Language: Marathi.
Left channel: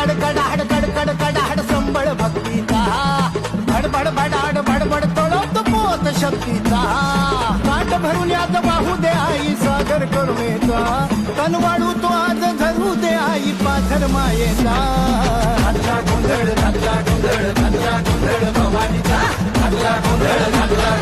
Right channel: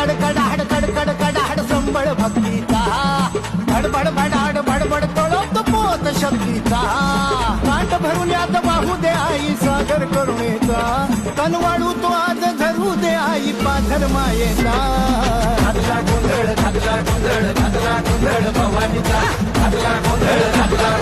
कडकडाड कडकडाड संबळ भक्तीचा भडबड बडाड बडबड तळवतो पोत शक्तीचा काट भरून यात वाहू दे आई सागर करुणेचा तनवाळू तो आज धरू दे आई पाथर मायेचा घातला गोंधळ घातला गोंधळ घातला गोंधळ भवानीचा घातला गोंधळ घातला